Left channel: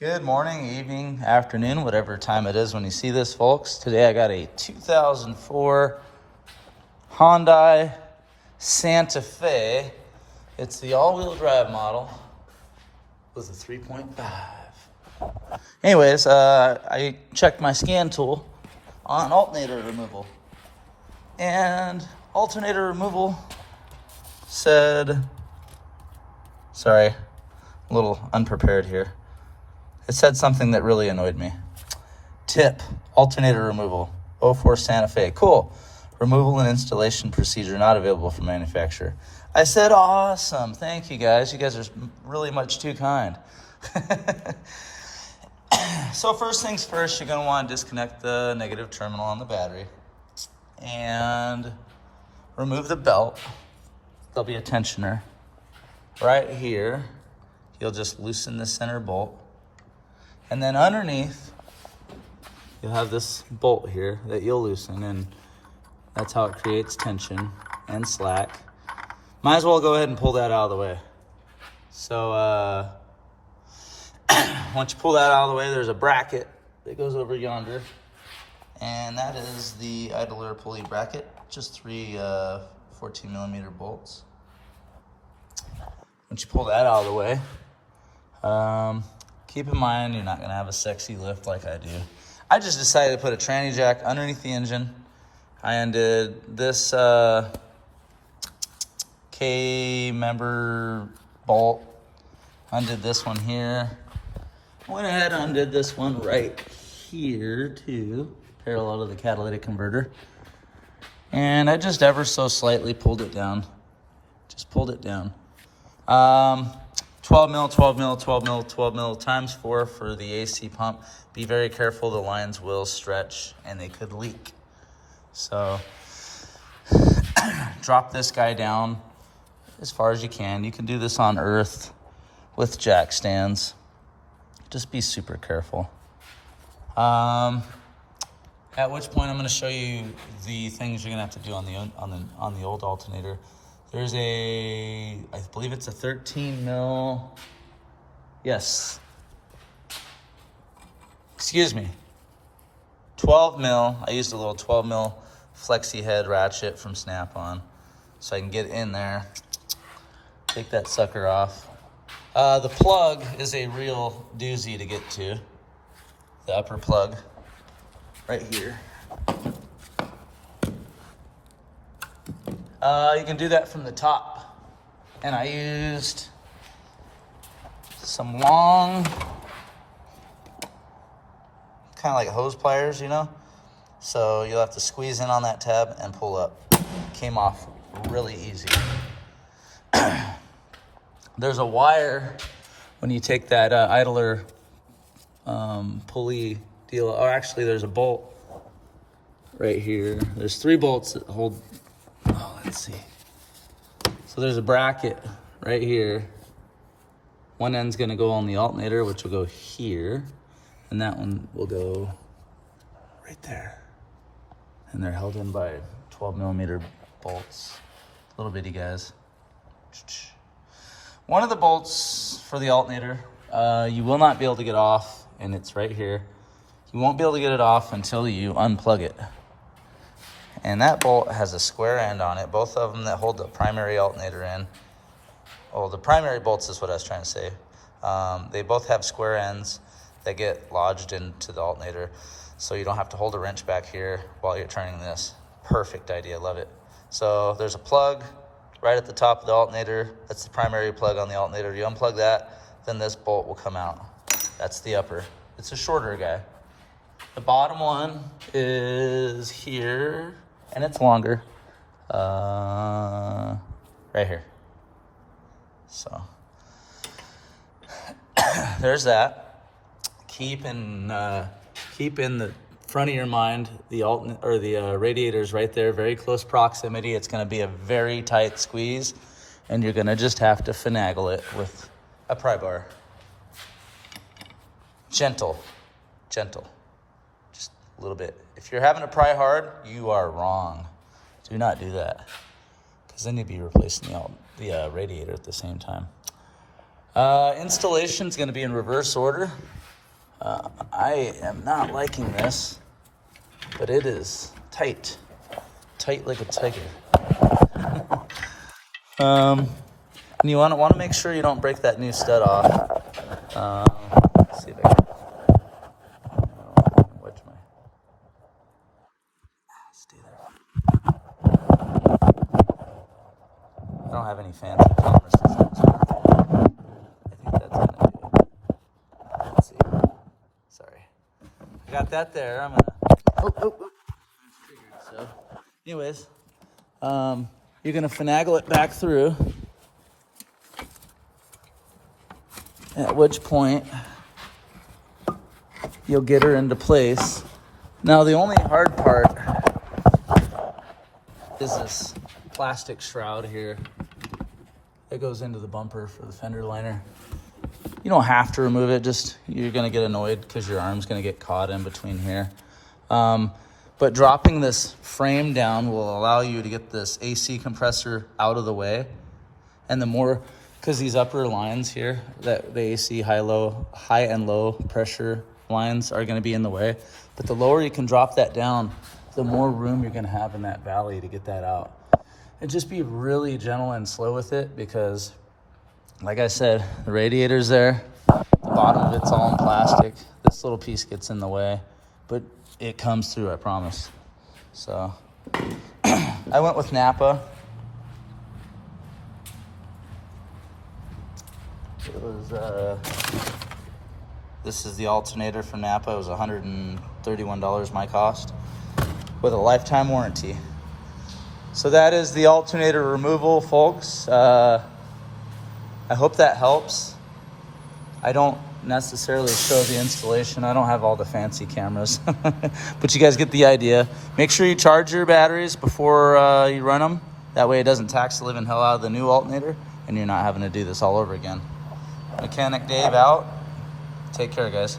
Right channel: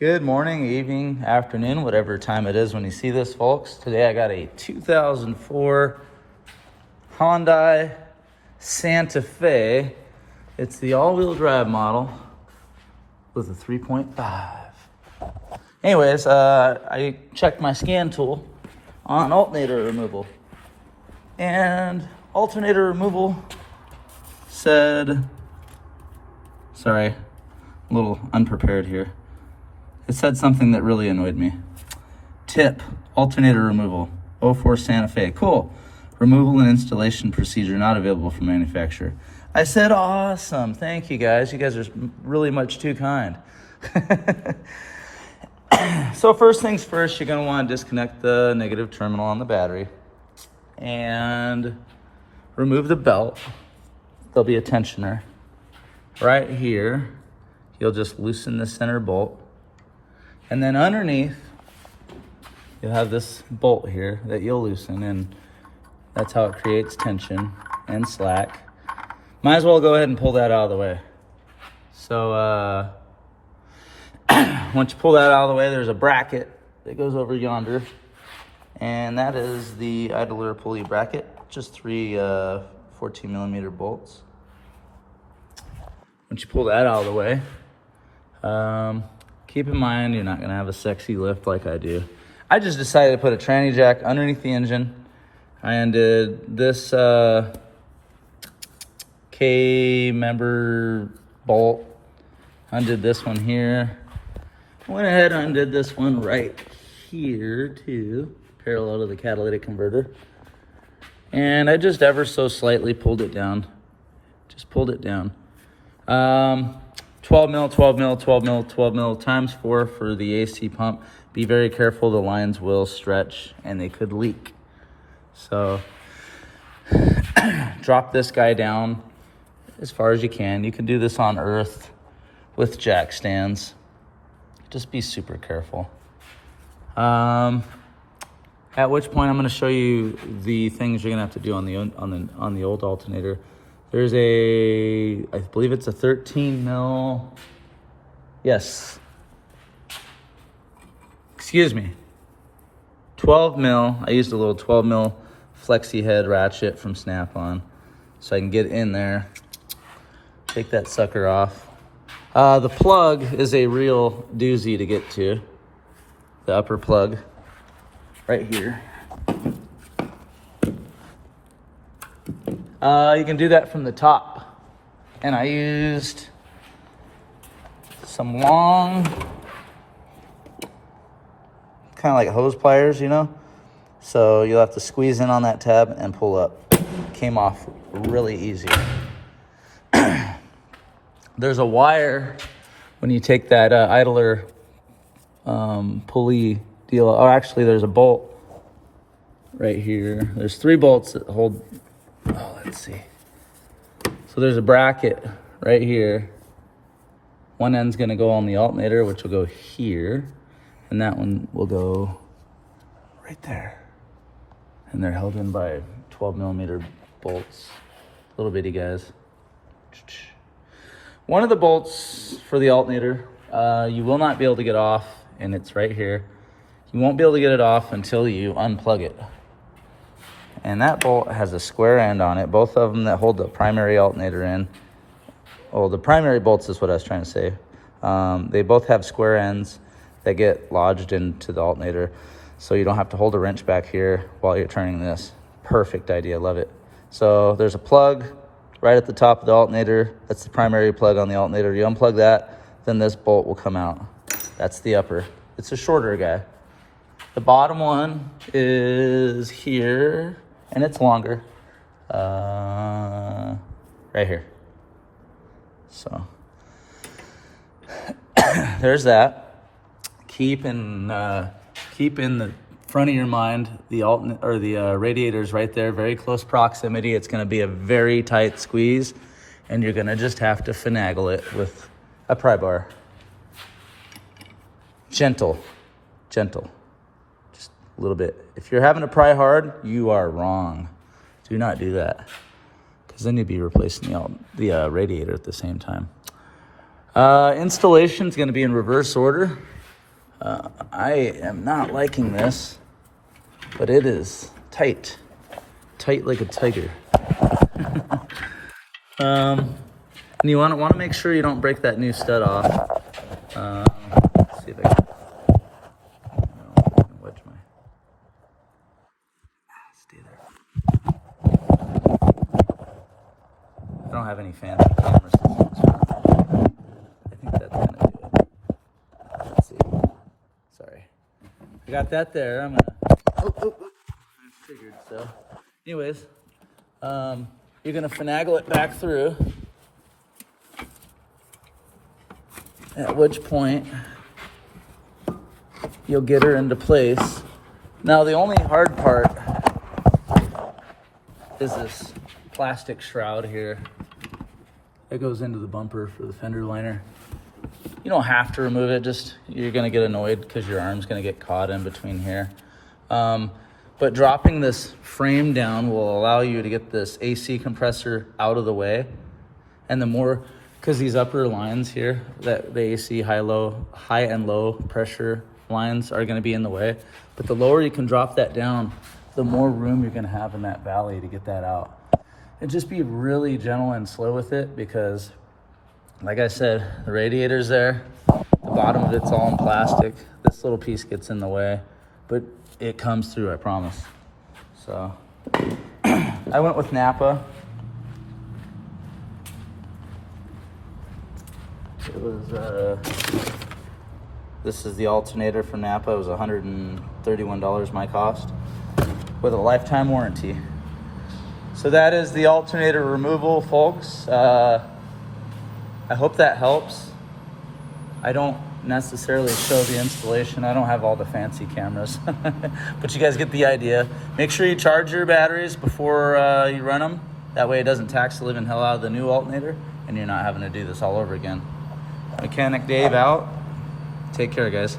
Good morning, evening, afternoon, whatever time it is when you see this, folks. Today I got a 2004 Hyundai Santa Fe. It's the all-wheel drive model with a 3.5. Anyways, I checked my scan tool on alternator removal. And alternator removal said, sorry, a little unprepared here. It said something that really annoyed me. Tip, alternator removal, 04 Santa Fe. Cool. Removal and installation procedure not available from manufacturer. I said, awesome. Thank you, guys. You guys are really much too kind. So first things first, you're going to want to disconnect the negative terminal on the battery and remove the belt. There'll be a tensioner right here. You'll just loosen the center bolt. And then underneath, you'll have this bolt here that you'll loosen, and that's how it creates tension and slack. Might as well go ahead and pull that out of the way. So once you pull that out of the way, there's a bracket that goes over yonder, and that is the idler pulley bracket, just three 14mm bolts. Once you pull that out of the way, keep in mind, you're not gonna have a sexy lift like I do. I just decided to put a tranny jack underneath the engine. I undid this K-member bolt. Undid this one here. Went ahead and undid this one right here too, parallel to the catalytic converter. And I just ever so slightly pulled it down. Just pulled it down. 12 mil, 12 mil, 12 mil, 12 mil times 4 for the AC pump. Be very careful, the lines will stretch and they could leak. So drop this guy down as far as you can. You can do this on earth with jack stands. Just be super careful. At which point I'm gonna show you the things you're gonna have to do on the old alternator. There's I believe it's a 13 mil, yes, excuse me, 12 mil. I used a little 12 mil flexi head ratchet from Snap-on so I can get in there, take that sucker off. The plug is a real doozy to get to, the upper plug right here. You can do that from the top. And I used some long, kind of like hose pliers, you know? So you'll have to squeeze in on that tab and pull up. Came off really easy. There's a wire when you take that idler pulley deal. Oh, actually there's a bolt right here. There's 3 bolts that hold. Oh, let's see. So there's a bracket right here. One end's gonna go on the alternator, which will go here, and that one will go right there. And they're held in by 12mm bolts, little bitty guys. One of the bolts for the alternator, you will not be able to get off, and it's right here. You won't be able to get it off until you unplug it. And that bolt has a square end on it, both of them that hold the primary alternator in. Oh, the primary bolts is what I was trying to say. They both have square ends that get lodged into the alternator, so you don't have to hold a wrench back here while you're turning this. Perfect idea, love it. So there's a plug right at the top of the alternator. That's the primary plug on the alternator. You unplug that, then this bolt will come out. That's the upper. It's a shorter guy. The bottom one is here, and it's longer, right here. So there's that. Keep in the front of your mind the radiator's right there, very close proximity. It's going to be a very tight squeeze, and you're going to just have to finagle it with a pry bar. Gentle. Just a little bit. If you're having to pry hard, you are wrong. Do not do that, because then you'd be replacing the radiator at the same time. Installation is going to be in reverse order. I am not liking this, but it is tight. Tight like a tiger. And you want to make sure you don't break that new stud off. Let's see if I can wedge my... Stay there. I don't have any fancy camera systems. I think that's gonna do it. Let's see. Sorry. I got that there. I'm gonna... Oh. I figured so. Anyways, you're gonna finagle it back through. At which point you'll get her into place. Now the only hard part is this plastic shroud here that goes into the bumper for the fender liner. You don't have to remove it, just you're gonna get annoyed because your arm's gonna get caught in between here. But dropping this frame down will allow you to get this AC compressor out of the way. And the more, because these upper lines here, that the AC high and low pressure lines are gonna be in the way. But the lower you can drop that down, the more room you're gonna have in that valley to get that out. And just be really gentle and slow with it because, like I said, the radiator's there, the bottom of it's all in plastic. This little piece gets in the way, but it comes through, I promise. So, I went with Napa. It was, this is the alternator from Napa. It was $131 my cost with a lifetime warranty. So that is the alternator removal, folks. I hope that helps. I don't necessarily show the installation. I don't have all the fancy cameras, but you guys get the idea. Make sure you charge your batteries before you run them. That way it doesn't tax the living hell out of the new alternator and you're not having to do this all over again. Mechanic Dave out. Take care, guys.